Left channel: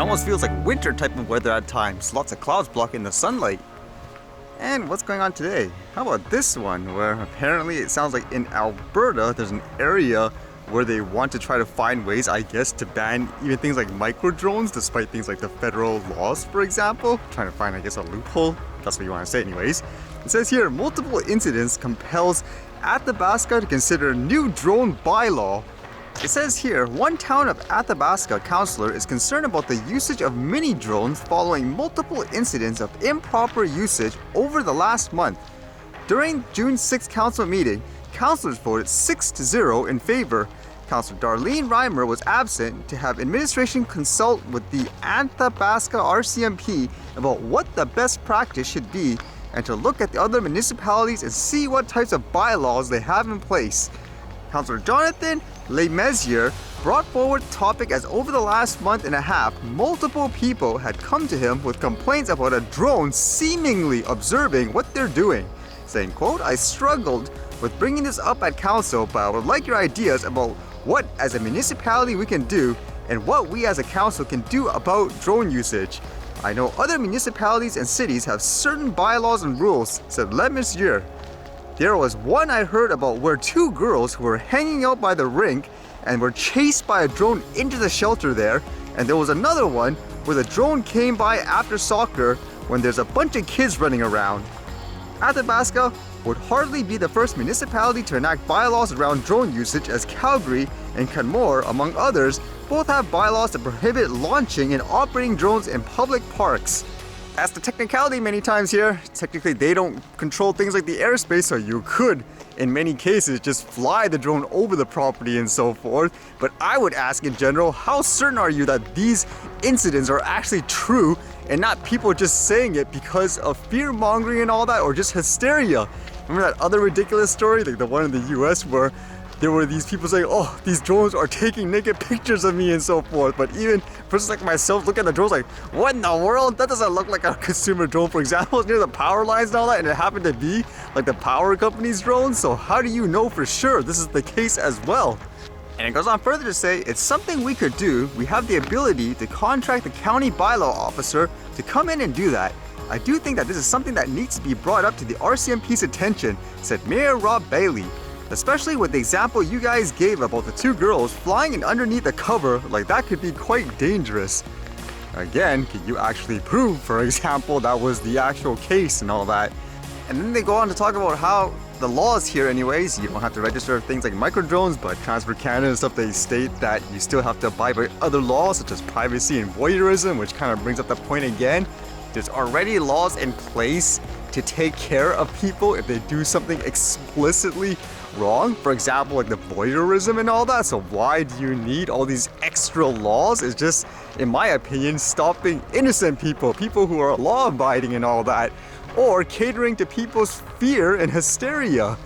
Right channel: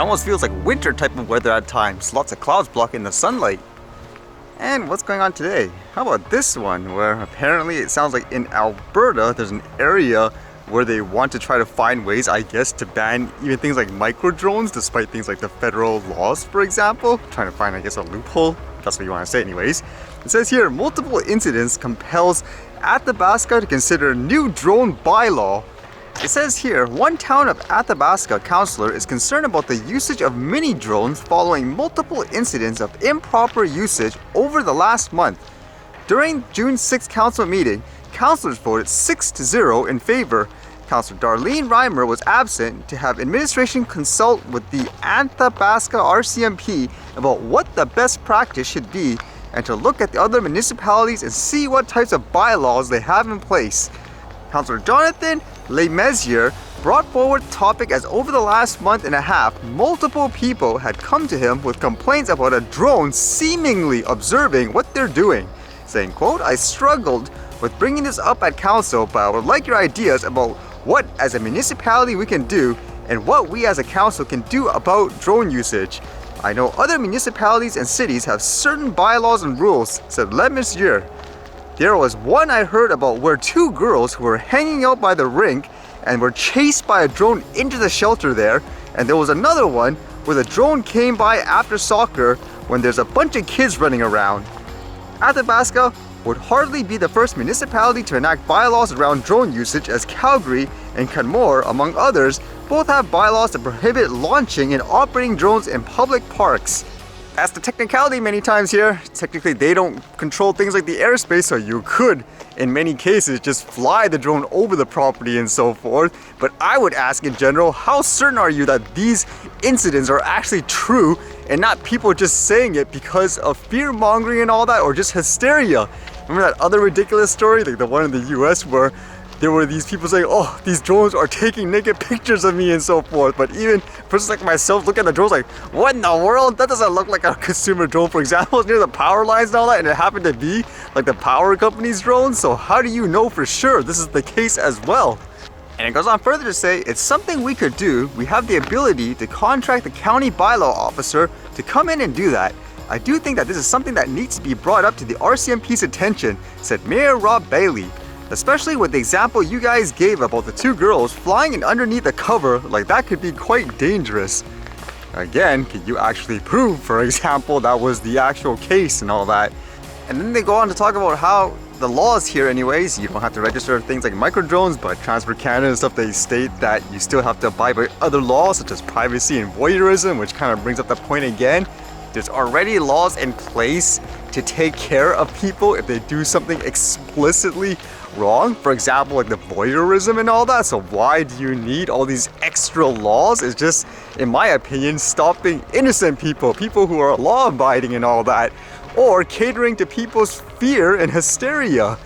almost feels like winter type of weather at times. Lots of clouds blocking the sunlight. And what's going on today? How about this one, where apparently it sounds like in Alberta there's an area where they want to try to find ways, I guess, to ban even things like micro drones, despite things like the federal laws, for example. Trying to find, I guess, a loophole. That's what you want to say anyways. It says here, multiple incidents compels Athabasca to consider new drone bylaw. It says here, one town of Athabasca councillor is concerned about the usage of mini drones following multiple incidents of improper usage over the last month. During June 6th council meeting, councillors voted 6-0 in favor. Councillor Darlene Reimer was absent to have administration consult with the Athabasca RCMP about what the best practice should be and to look at the other municipalities and see what types of bylaws they have in place. Councillor Jonathan LeMessier brought forward the topic as over the last month and a half, multiple people had come to him with complaints about a drone seemingly observing what they're doing, saying, quote, "I struggled with bringing this up at council, but I would like your ideas about what as a municipality we can do and what we as a council can do about drone usage. I know other municipalities and cities have certain bylaws and rules," said LeMessier. There was one I heard about where two girls who were hanging out by the rink and were chased by a drone into the shelter there, and there was another one where the drone came by after soccer when there's a bunch of kids running around. Athabasca would hardly be the first municipality to enact bylaws around drone usage, as Calgary and Canmore, among others, both have bylaws that prohibit launching and operating drones in public parks. That's the technicality many times here. Technically, they don't control things like the airspace, so you could, in many cases, just fly the drone over the property and so forth. But I would ask in general, how certain are you that these incidents are actually true and not people just saying it because of fear mongering and all that, or just hysteria? Remember that other ridiculous story, like the one in the US where there were these people saying, "Oh, these drones are taking naked pictures of me," and so forth. But even persons like myself look at the drones like, what in the world? That doesn't look like a consumer drone, for example. It's near the power lines and all that, and it happened to be like the power company's drone. So how do you know for sure this is the case as well? And it goes on further to say, it's something we could do. We have the ability to contract the county bylaw officer to come in and do that. I do think that this is something that needs to be brought up to the RCMP's attention, said Mayor Rob Bailey. Especially with the example you guys gave about the two girls flying in underneath the cover, like that could be quite dangerous. Again, can you actually prove, for example, that was the actual case and all that? And then they go on to talk about how the laws here anyways, you don't have to register things like micro drones, but Transport Canada and stuff, they state that you still have to abide by other laws such as privacy and voyeurism, which kind of brings up the point again. There's already laws in place to take care of people if they do something explicitly wrong. For example, like the voyeurism and all that. So why do you need all these extra laws? It's just, in my opinion, stopping innocent people, people who are law-abiding and all that, or catering to people's fear and hysteria.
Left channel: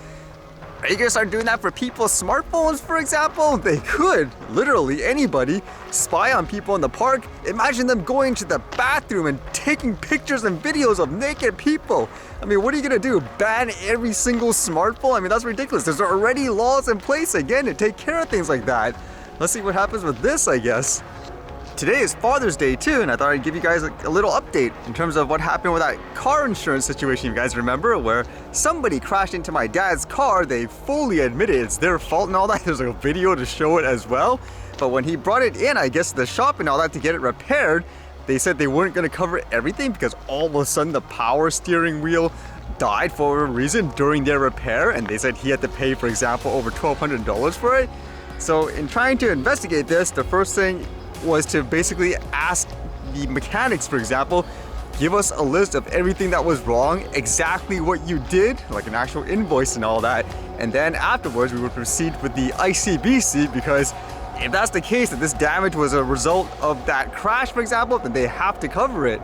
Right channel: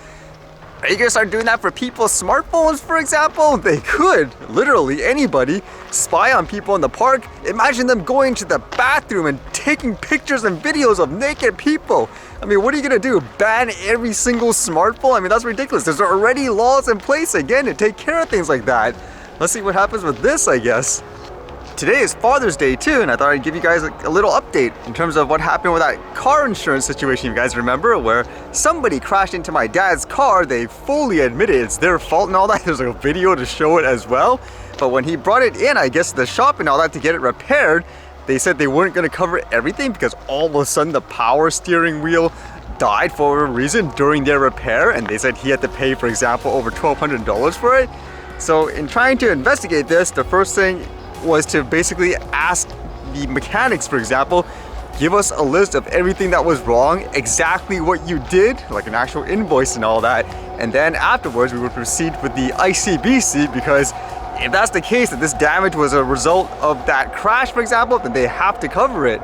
Are you gonna start doing that for people's smartphones, for example? They could, literally anybody, spy on people in the park. Imagine them going to the bathroom and taking pictures and videos of naked people. I mean, what are you gonna do? Ban every single smartphone? I mean, that's ridiculous. There's already laws in place, again, to take care of things like that. Let's see what happens with this, I guess. Today is Father's Day too, and I thought I'd give you guys a little update in terms of what happened with that car insurance situation, you guys remember, where somebody crashed into my dad's car. They fully admitted it's their fault and all that. There's a video to show it as well. But when he brought it in, I guess, the shop and all that to get it repaired, they said they weren't going to cover everything because all of a sudden the power steering wheel died for a reason during their repair, and they said he had to pay, for example, over $1,200 for it. So in trying to investigate this, the first thing was to basically ask the mechanics, for example, give us a list of everything that was wrong, exactly what you did, like an actual invoice and all that. And then afterwards we would proceed with the ICBC, because if that's the case, that this damage was a result of that crash, for example, then they have to cover it.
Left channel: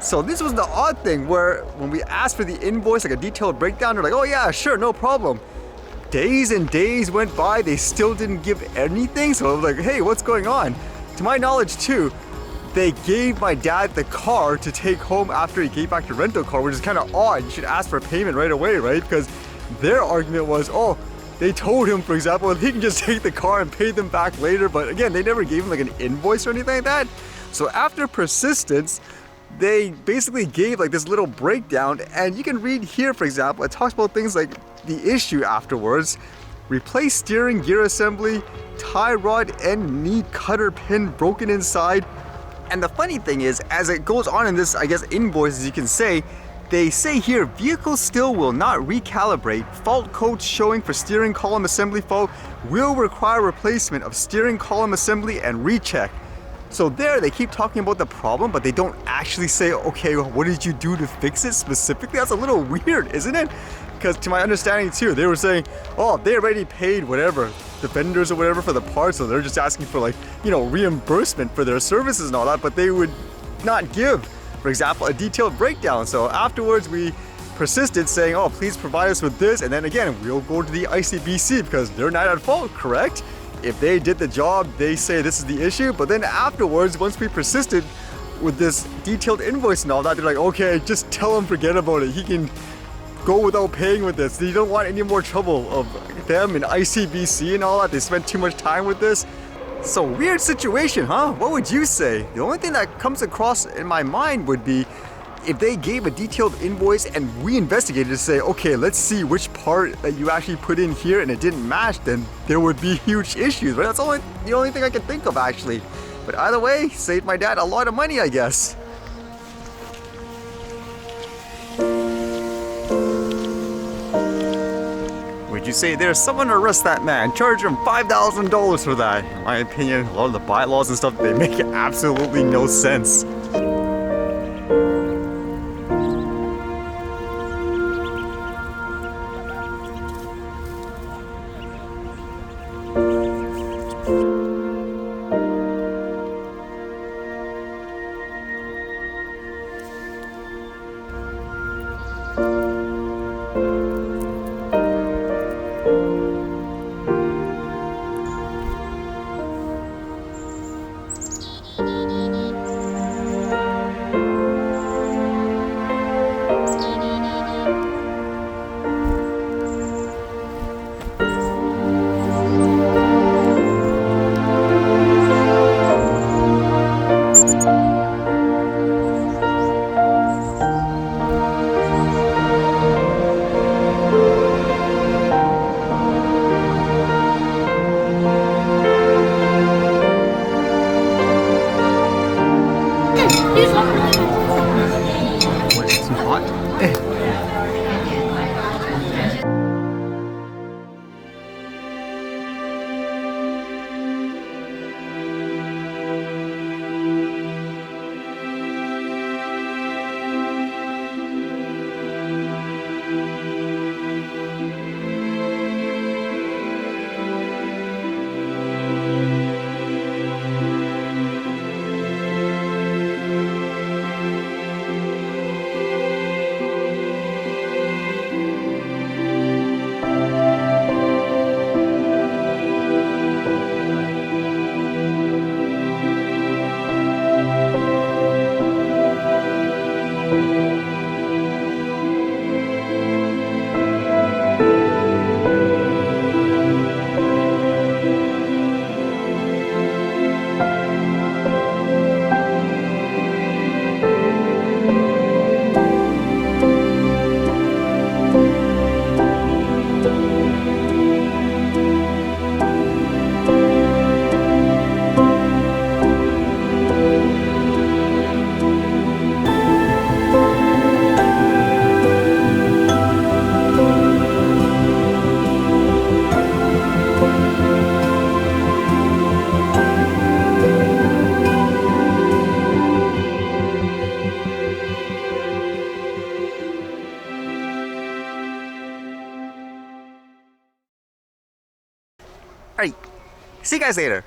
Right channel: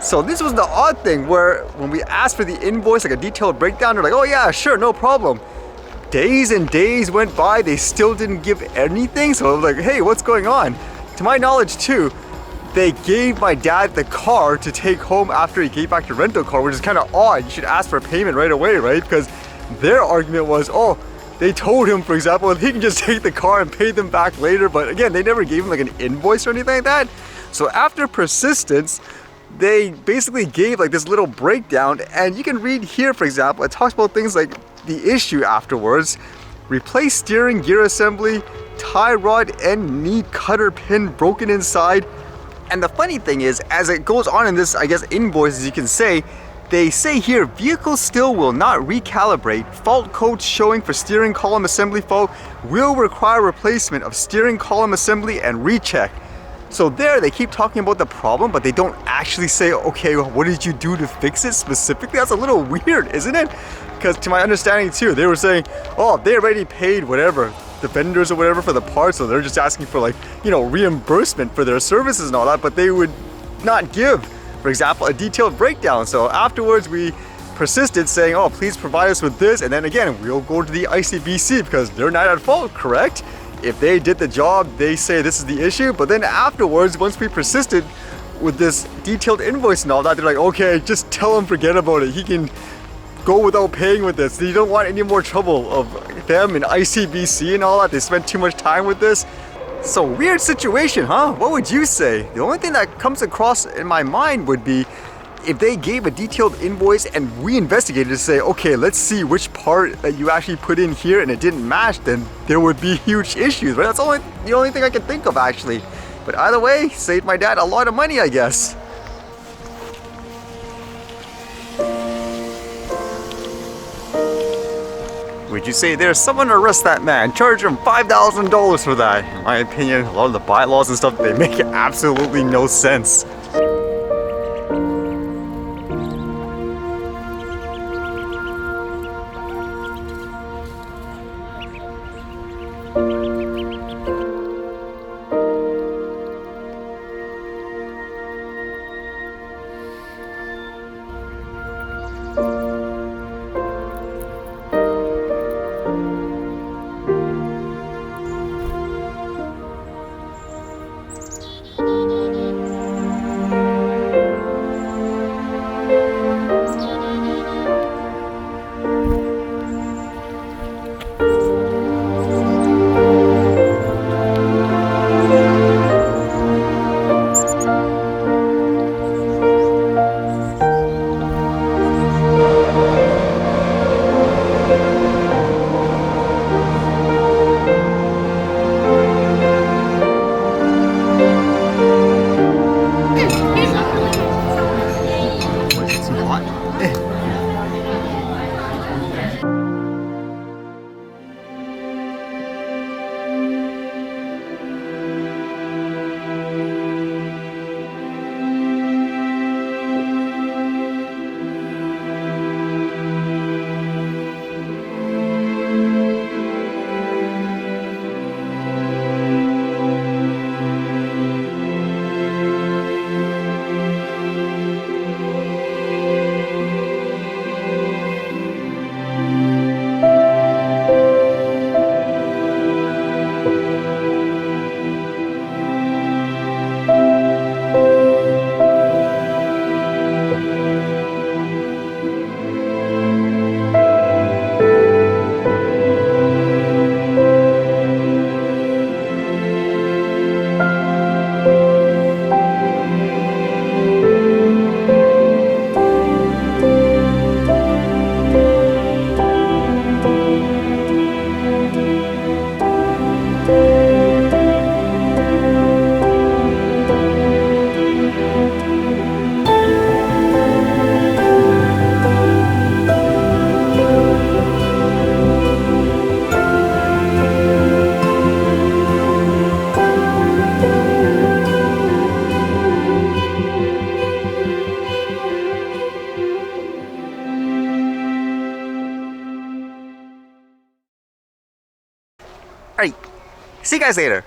So this was the odd thing where when we asked for the invoice, like a detailed breakdown, they're like, "Oh yeah, sure, no problem." Days and days went by, they still didn't give anything. So I was like, hey, what's going on? To my knowledge too, they gave my dad the car to take home after he gave back the rental car, which is kind of odd. You should ask for payment right away, right? Because their argument was, oh, they told him, for example, he can just take the car and pay them back later. But again, they never gave him like an invoice or anything like that. So after persistence, they basically gave like this little breakdown, and you can read here, for example, it talks about things like the issue afterwards. Replace steering gear assembly, tie rod and knee cutter pin broken inside. And the funny thing is, as it goes on in this, I guess, invoice, as you can say, they say here, vehicle still will not recalibrate. Fault codes showing for steering column assembly fault will require replacement of steering column assembly and recheck. So there, they keep talking about the problem, but they don't actually say, okay, what did you do to fix it specifically? That's a little weird, isn't it? Because to my understanding too, they were saying, oh, they already paid whatever, the vendors or whatever for the parts, so they're just asking for like, you know, reimbursement for their services and all that, but they would not give, for example, a detailed breakdown. So afterwards we persisted saying, oh, please provide us with this, and then again, we'll go to the ICBC because they're not at fault, correct? If they did the job, they say this is the issue, but then afterwards, once we persisted with this detailed invoice and all that, they're like, okay, just tell him forget about it. He can go without paying with this. They don't want any more trouble of them and ICBC and all that. They spent too much time with this. So weird situation, huh? What would you say? The only thing that comes across in my mind would be if they gave a detailed invoice and we investigated to say, okay, let's see which part that you actually put in here and it didn't match, then there would be huge issues, right? That's the only thing I can think of actually. But either way, saved my dad a lot of money, I guess. Would you say there's someone to arrest that man, charge him $5,000 for that? In my opinion, a lot of the bylaws and stuff, they make absolutely no sense. Alright, see you guys later.